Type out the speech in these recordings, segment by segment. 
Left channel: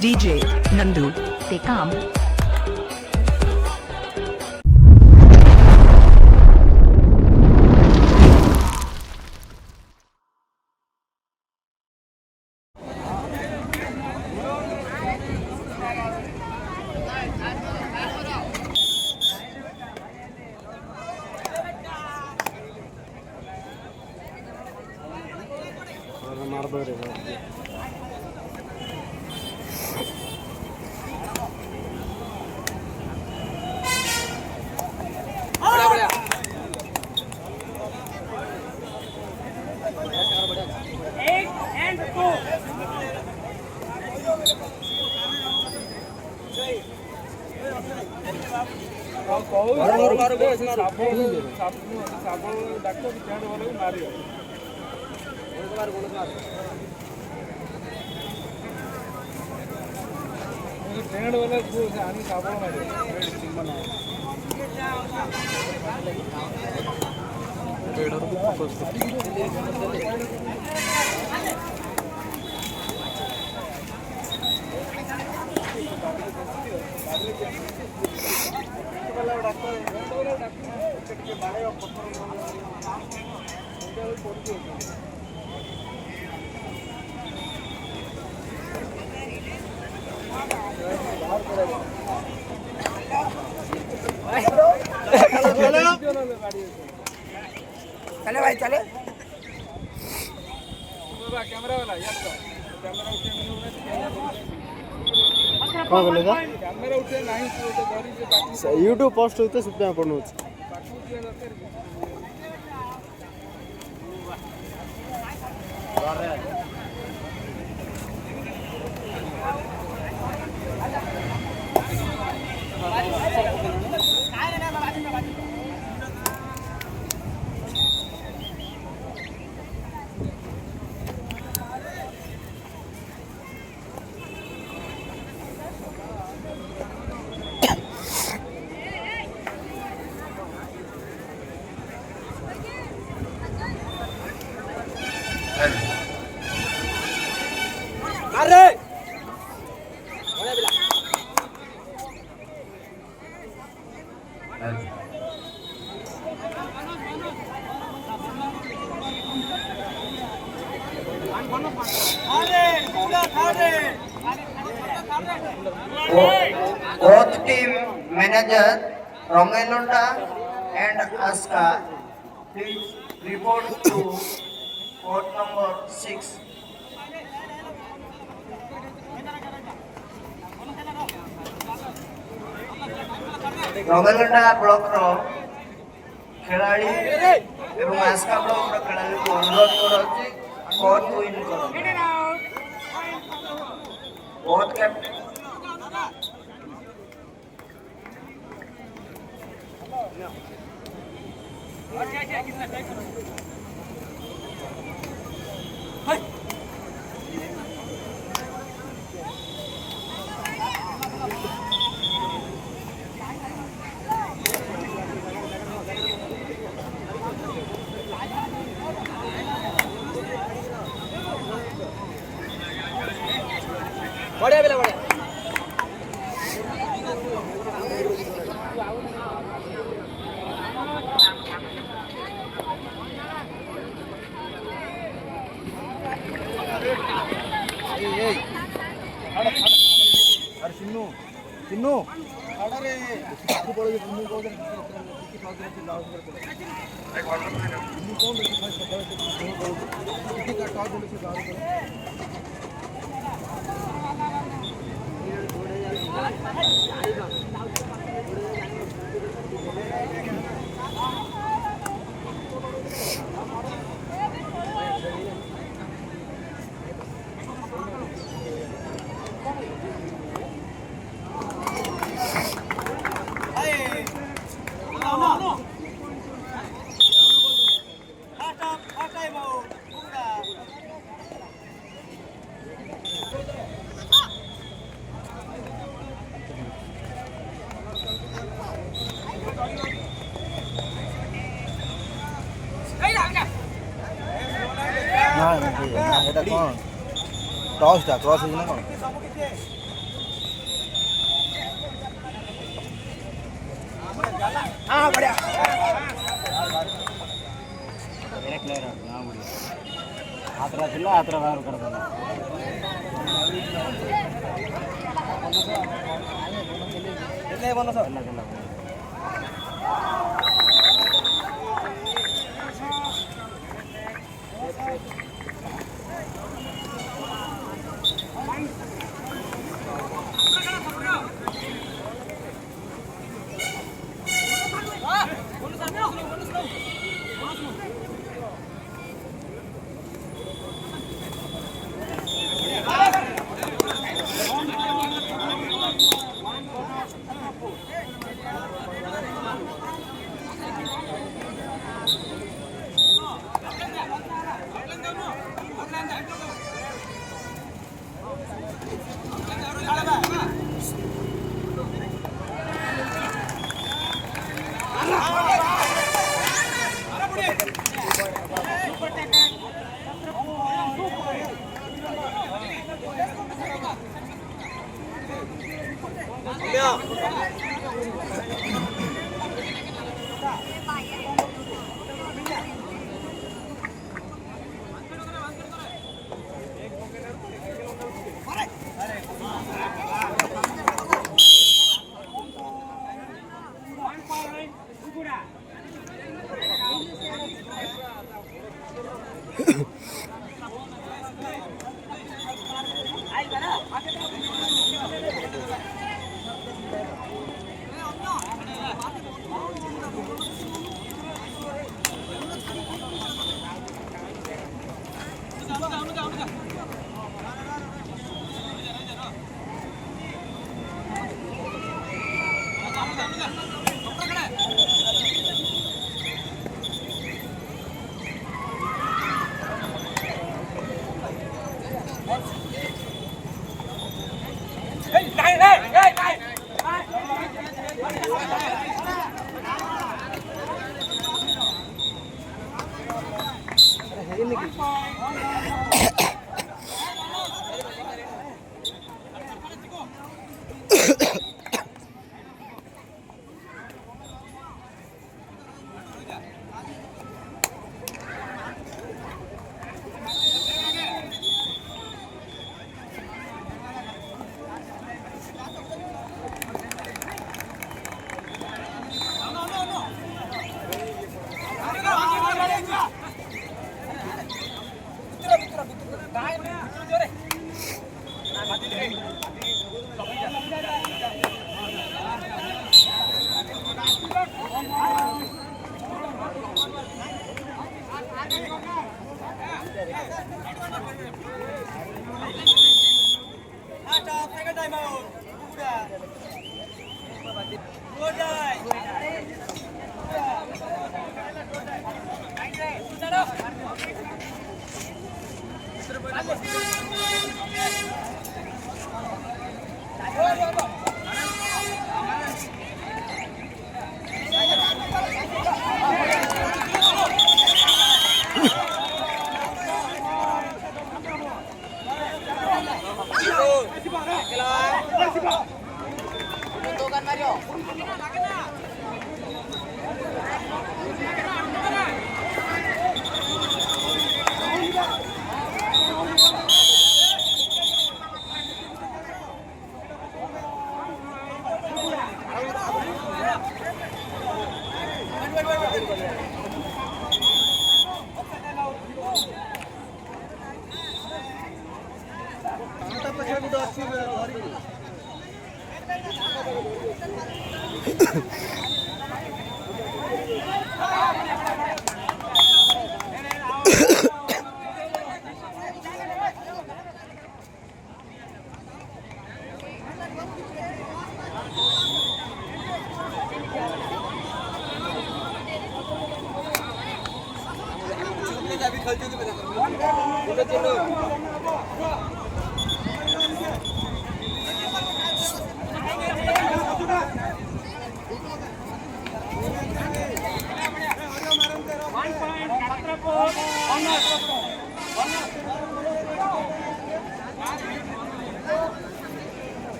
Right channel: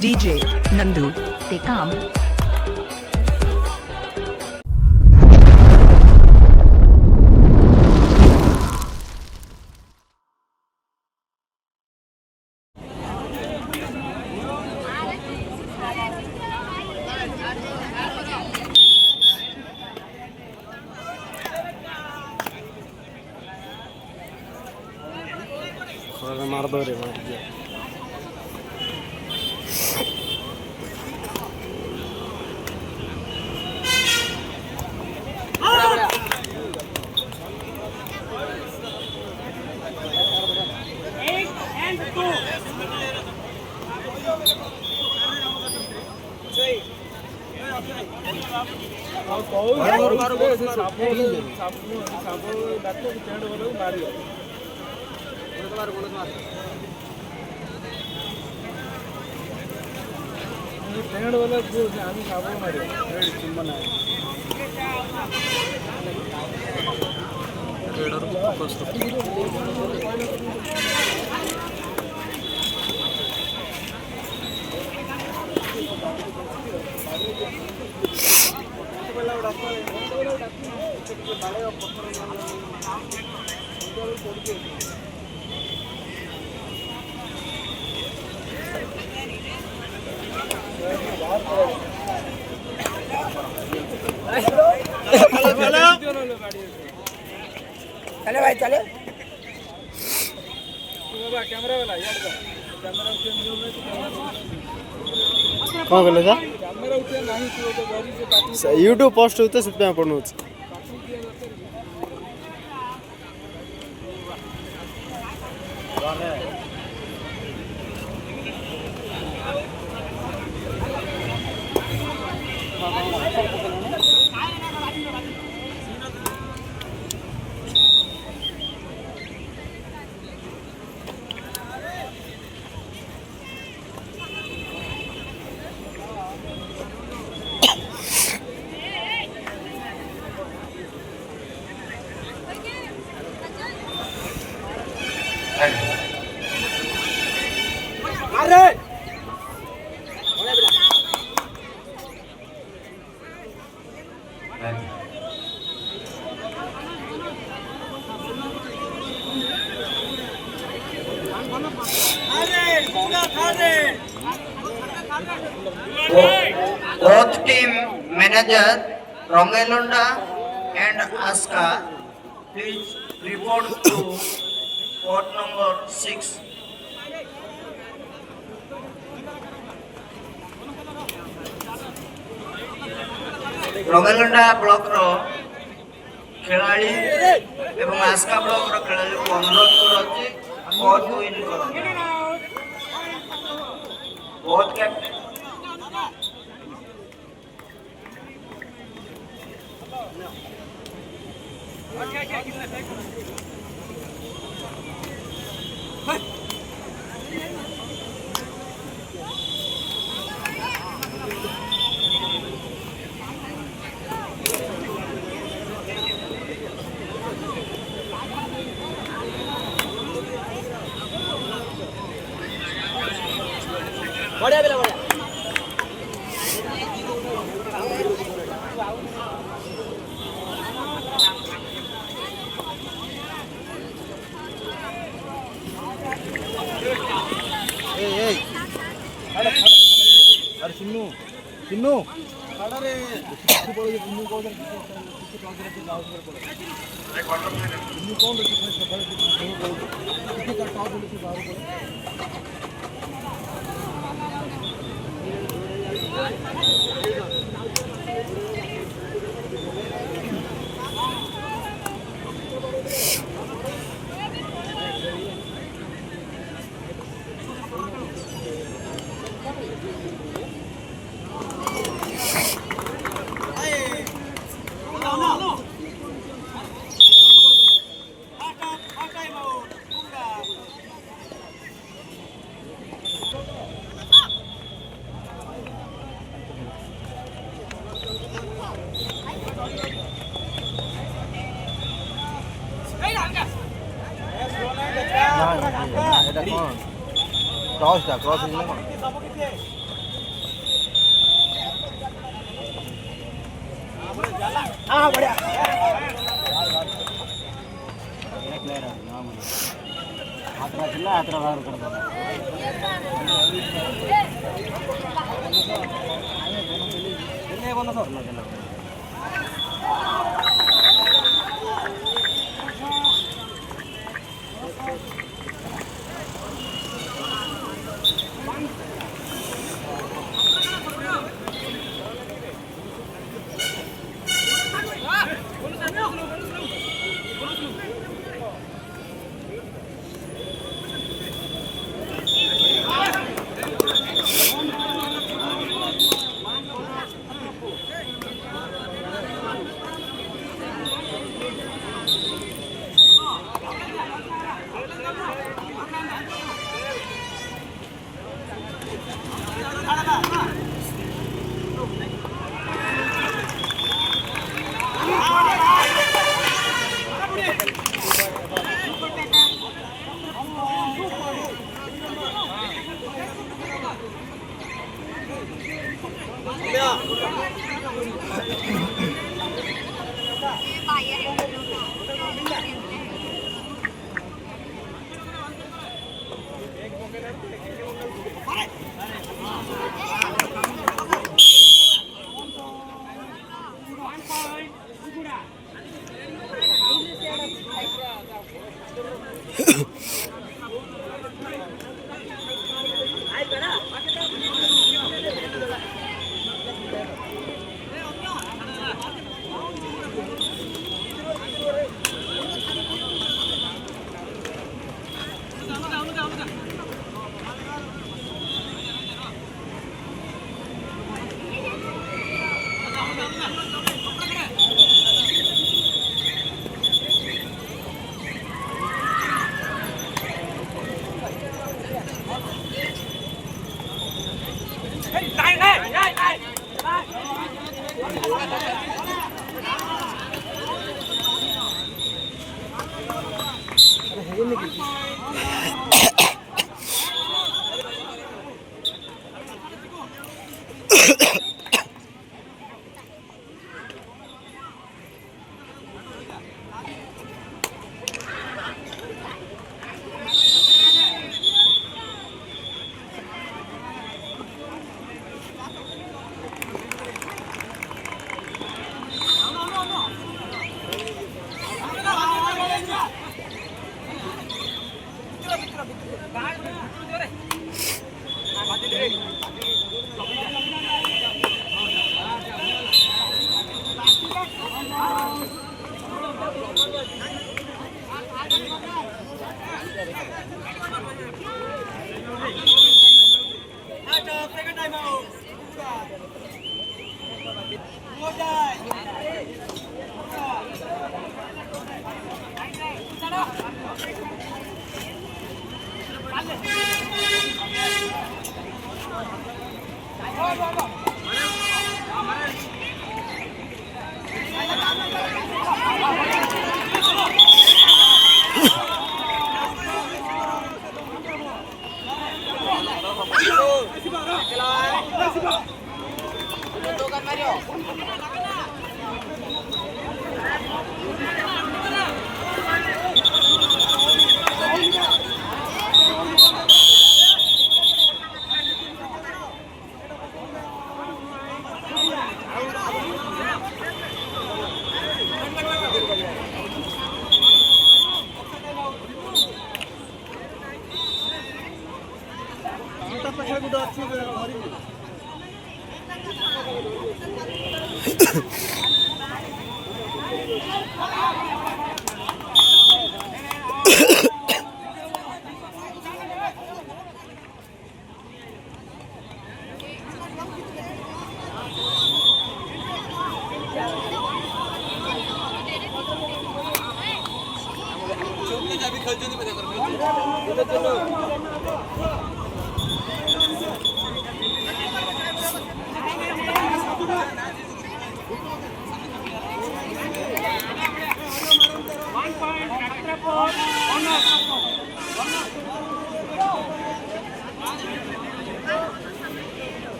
DJ Nandu Tekam. मार चले भाई चले कैमरा वाला कौन बोलेगा यूट्यूब पोस्ट होते से पढ़ू Both team manager Rongelunda and Aska, please report to court number 6. Rongelunda block ro ଖେଳାଳି ଏବଂ ଆସ୍କା ବ୍ଲକର ଖେଳାଳିକୁ ଅନୁରୋଧ କରୁଛି କୋର୍ଟ ୱିନ୍ କରନ୍ତୁ। ବୋଥ୍ କ୍ୟାପ୍ଟେନ୍ बढ़िया बिला बढ़िया अरे सिन्नू सिन्नू अरे किसी बोले सिन्नू को किसी कॉल करे चिल्लाओ ऊपर बोलो सिन्नू कौन है किसी का कॉल बोले चिल्लाओ बोलो क्रॉस था क्रॉस एक ले रहा ना मुझे आतरा चिल्ला आतरा बाहर कर देना आए बोलो सो अल्लाह अल्लाह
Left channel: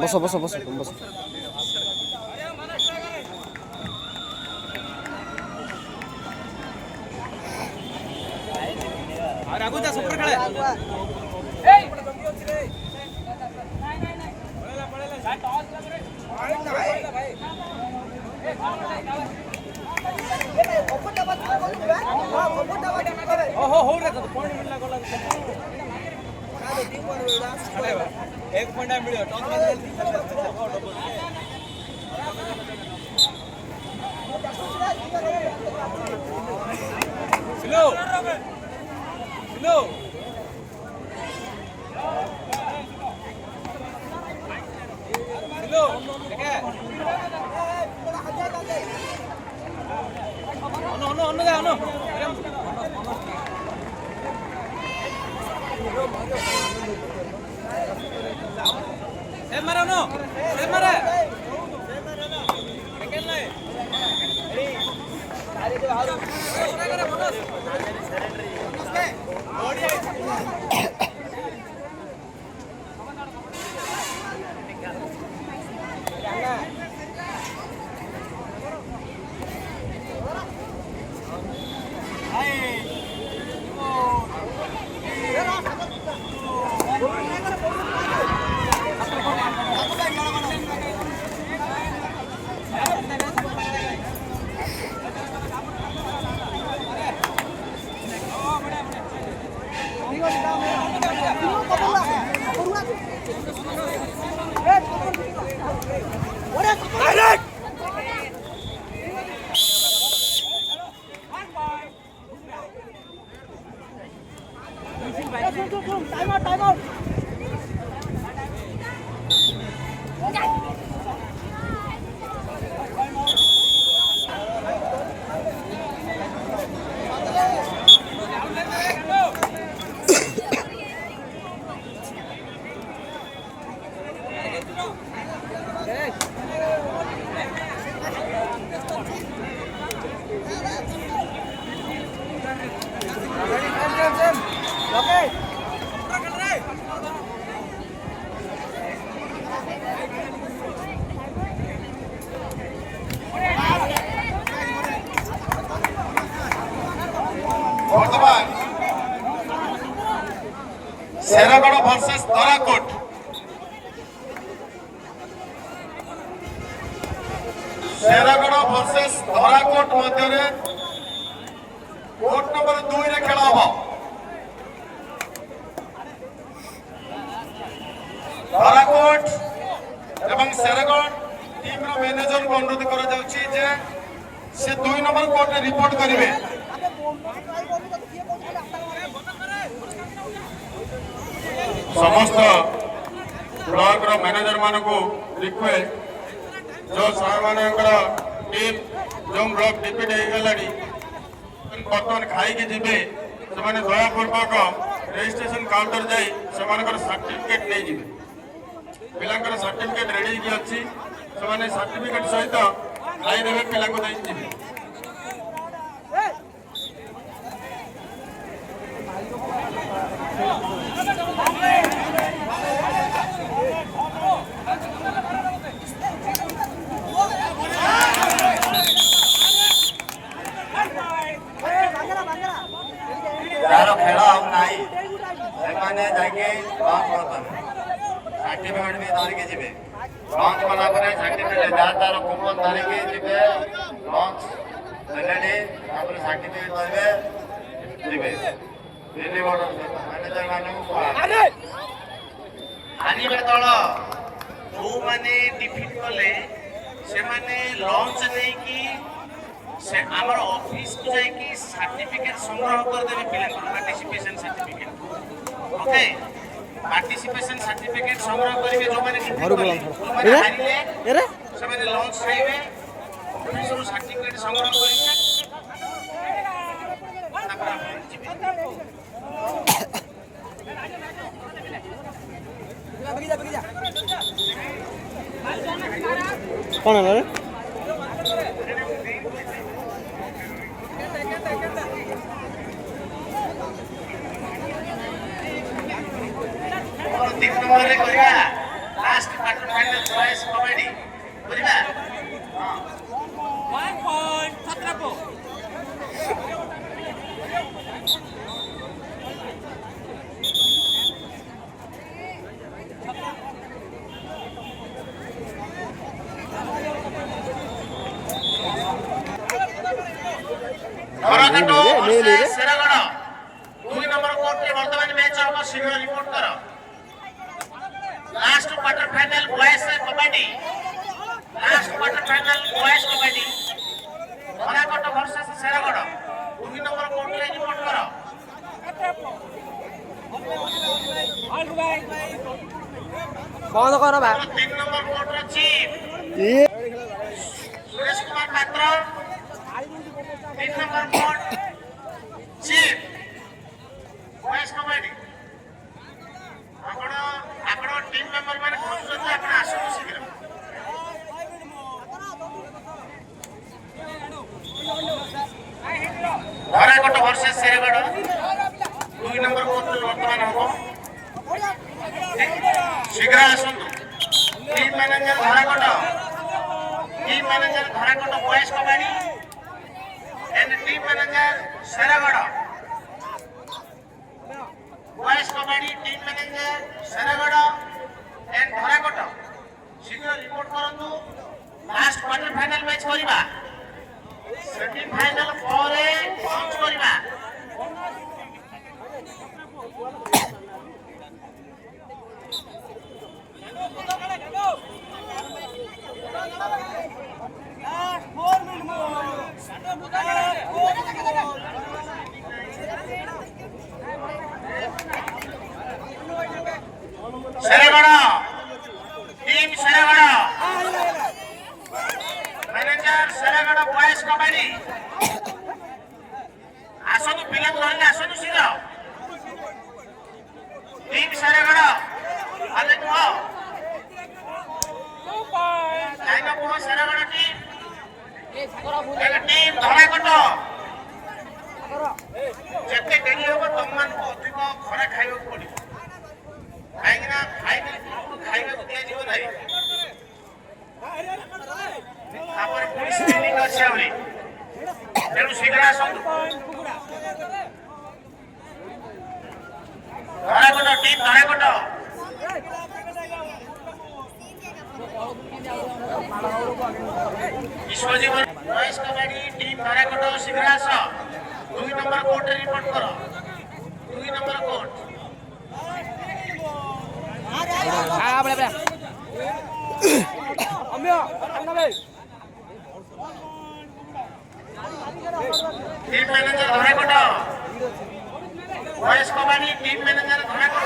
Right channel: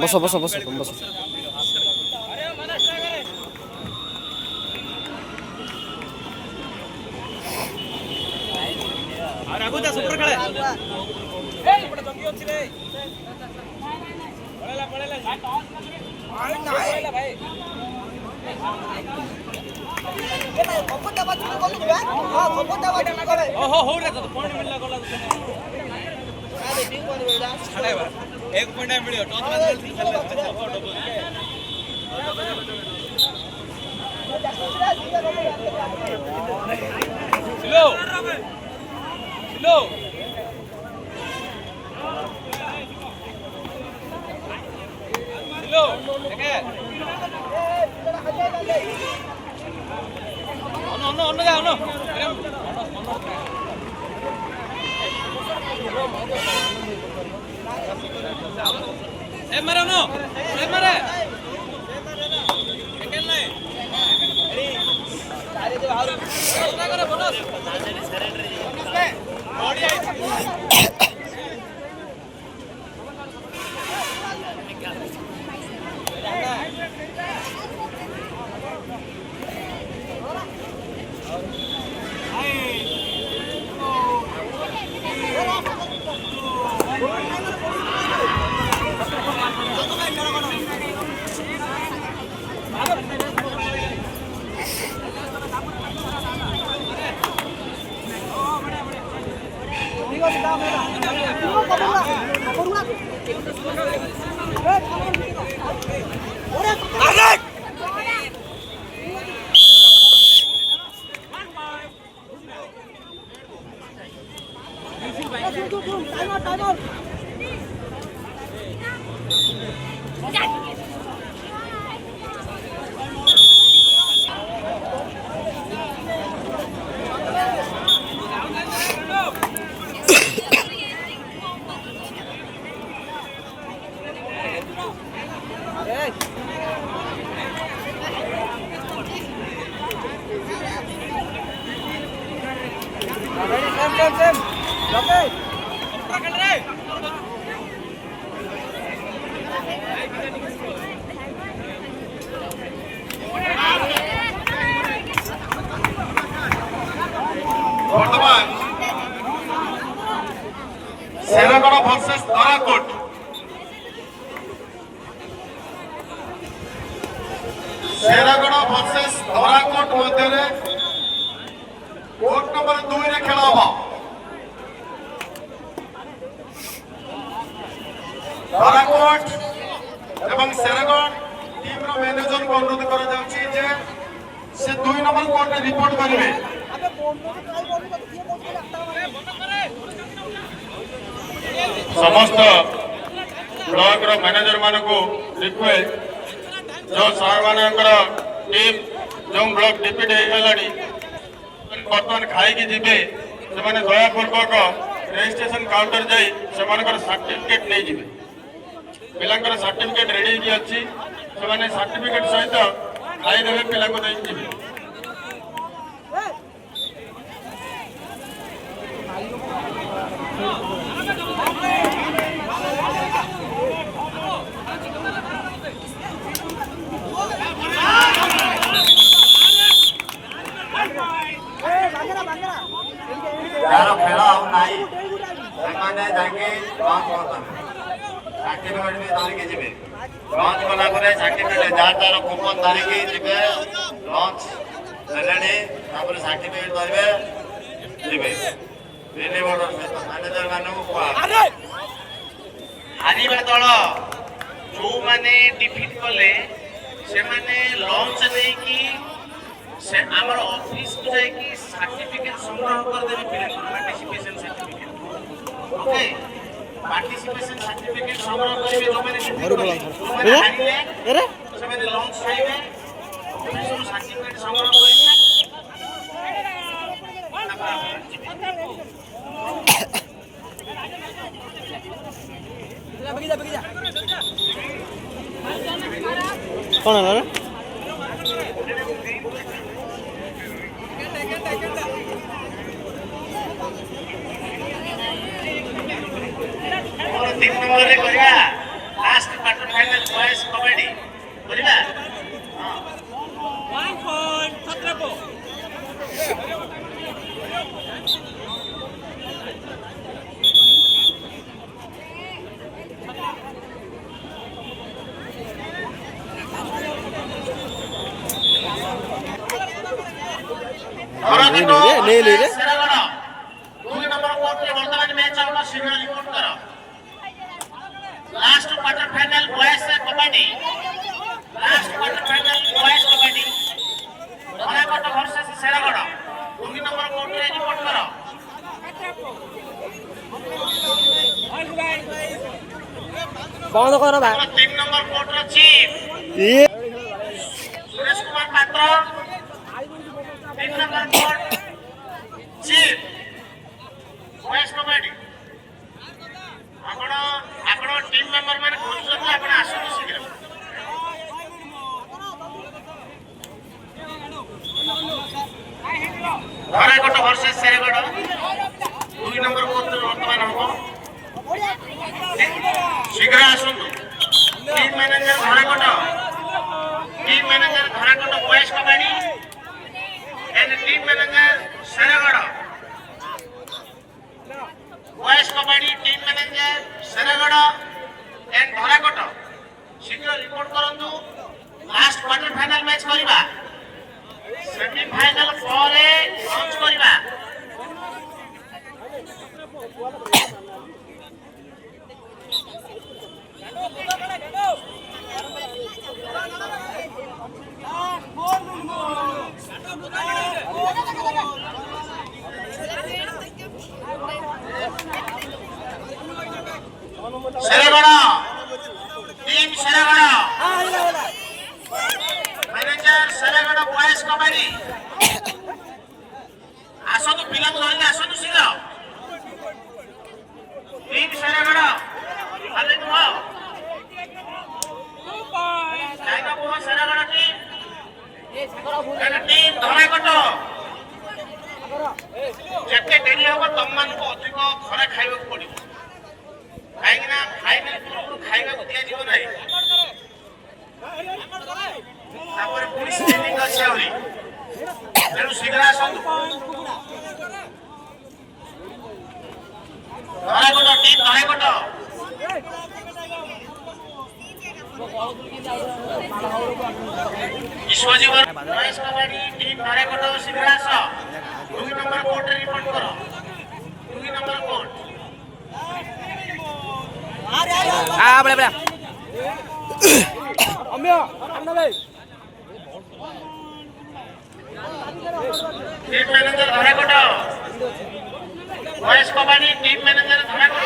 बस बस बस तुम बस एक पॉइंट मिले टॉस स्लो स्लो स्लो देखे ono जा ono Semarano, Semara. Second line. Ready. Sare jo haru. Kya kare bonus? Body hai. Shergarh versus Tarakot Shergarh versus Tarakot मध्य कोर्ट नंबर 2 रे खेल हम तराकोट एवं शेरगढ़ टीम रो मैनेजर को अनुरोध करा जाउछि जे से 2 नंबर कोर्ट रे रिपोर्ट करिवे समस्त ब्लॉक रो मैनेजर मानक रिक्वेस्ट जो साहेबानकर टीम जो ब्लॉक डिपिट हो गलानी बर्तमान खाई जीवे से दयापूर्वक रजिस्ट्रेशन काउंटर जाई सर्टिफिकेट नहीं जीवे पिलांकर सर्टिफिकेट रेडी की अच्छी से सर्टिफिकेट सहित खाई देवे पिला को दे जीवे यारो खेला हम नहीं सेमाने जाके लॉन्च करता सर्टिफिकेट भी दान के जीवे लॉन्च कला करे सर्टिफिकेट जार तार कूपन दान के जीवे लॉन्च रेडी तापर सर्टिफिकेट करबे जीवे बिल्ली बॉर्डर से मैनेजर मानू को हारिबा दल जो माने डिफीट कले से माने लॉन्च नहीं की से आमर ऑफिस को जाए कि सर्टिफिकेट संग्रह कर देबे पिला participation certificate okay participation certificate संग्रह करिवे जो माने एरे से माने लॉन्च खाइबे सब सर्टिफिकेट संग्रह करिवे कौन है रे तीन नंबर रे करिया last quarter final choice kabaddi बुझिबा 1 पॉइंट छत्रपो नहीं ले रे सेरागड़ 2 नंबर कोर्ट के वर्तमान मैच आउट शीघ्र रिपोर्ट करो last quarter final boys kabaddi last quarter final boys kabaddi Dharakot versus Seragarh 2 number court रे रिपोर्ट करो कौन करो बा 3 नंबर कोर्ट रो चीफ ये Suresh Kumar Patra 3 number court chief boys kabaddi आपण टीम मेंबर माने खोजुछन आपण आसु शीघ्र Dharakot versus Seragarh 2 number court वर्तमान हमको शीघ्र आसु team manager Dharakot boys kabaddi and team manager Seragarh boys kabaddi team manager Seragarh and Dharakot शीघ्र रिपोर्ट करंतु लास्ट क्वार्टर फाइनल मैच करिबा सेमीफाइनल परे लॉन्च करिबा Seragarh team Seragarh manager Seragarh boys kabaddi आसनु पिला लाइन आसनु सीधा टीम सेरागड़ आले नुआ जाएगा वो सेरागड़ टीम धराकोट जेते डेली होबो तमन को अधिक खरा खाइबो पड़िबो खाइना फाइनल खाइबो दिया जीव नाही तापर पुलिस ट्रेनिंग अछि आउरी तेनु शीघ्र आसु धराकोट टीम धराकोट विश्वजीवन बॉयज कबड्डी टीम धराकोट शीघ्र आस 2 नंबर कोर्ट रिपोर्ट करो 2 नंबर कोर्ट बड़ा बड़ा अम्या अन्ना भाई team manager Dharakot boys kabaddi team manager Dharakot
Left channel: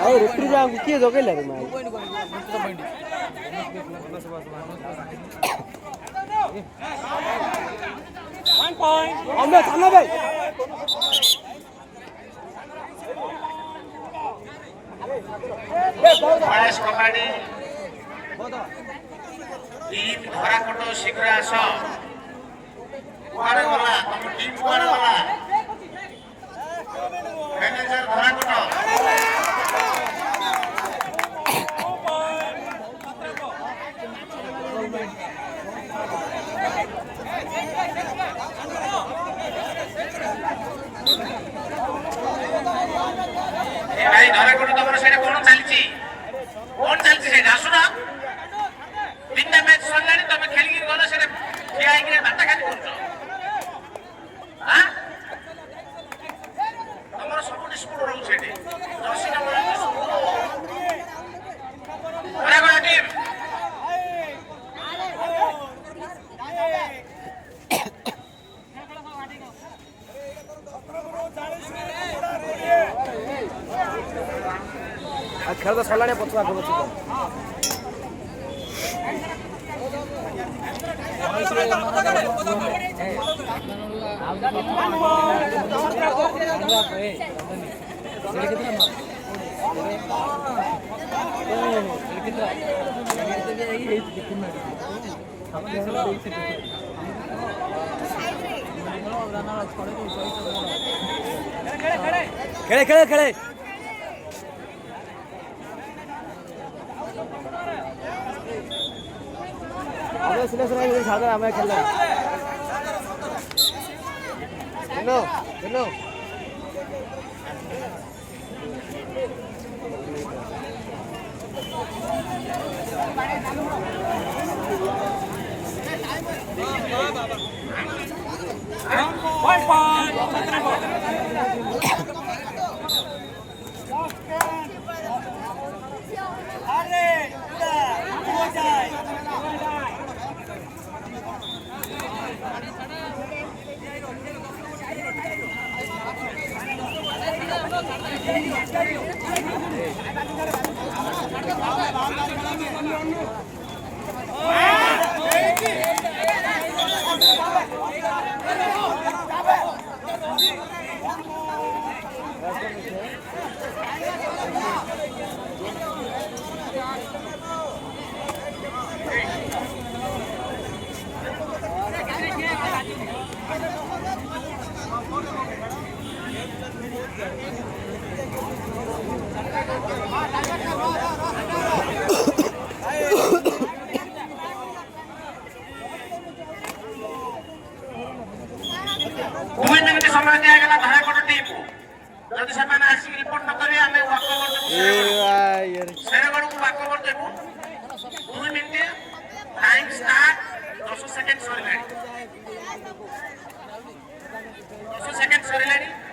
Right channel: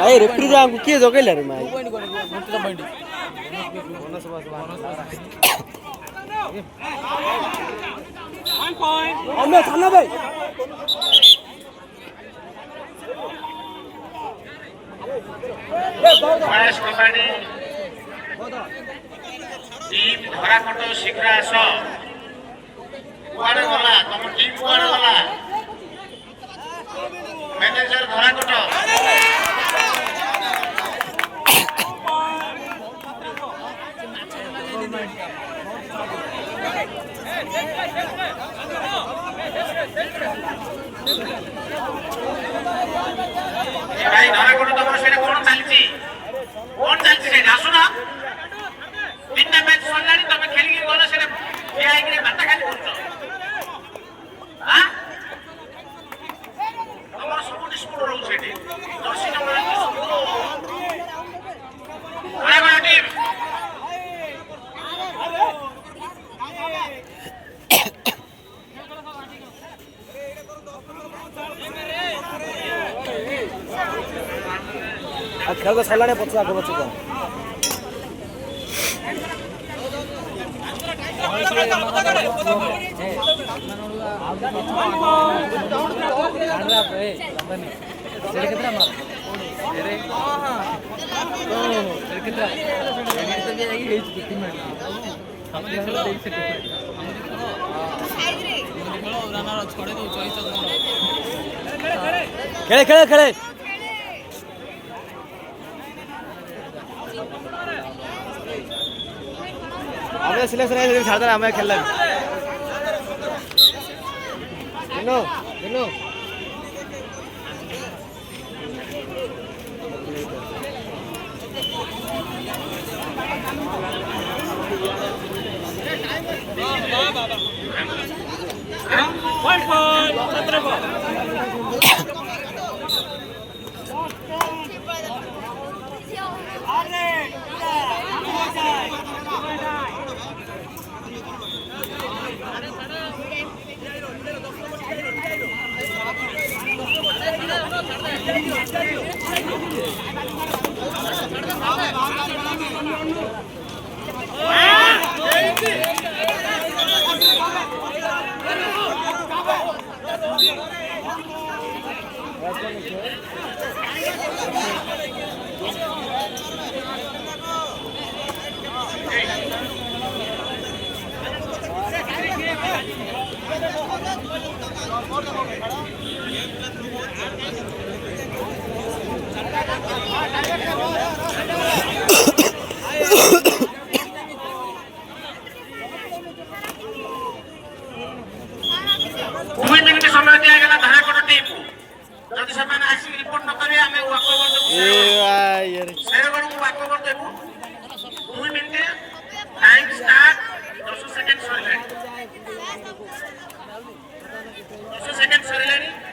अरे रेफ्री जा हमको किए जगह ले रे माई हमें थाना भाई बॉयज कबड्डी टीम धराकोट शीघ्र आस कुआडे गला तुम टीम कुआडे गला मैनेजर धराकोट भाई धराकोट तुम सेटा कोन चलची से आसु ना 3टा मैच सल्लानी तमे खेली गलो सेटा किया कि भात खाली करछो हां हमर सब डिस्प्यूट रहउ सेठी 10 नंबर ଖେଳ ତ ସରିଲାଣି ପଛୁଆ ଆଗ ପଛୁଆ खेले खेले खेले हमें सिलेक्शन छाड़ देना हमें खेलना चलो चलो समय दिया गया धारकोट टीम को जब से मैंने आसी रिपोर्ट न करी हमें वाकओवर यार सेरेमनी को वाकओवर देखो 2 मिनट टाइम स्टार्ट 10 सेकंड सरीलानी 10 सेकंड सरीलानी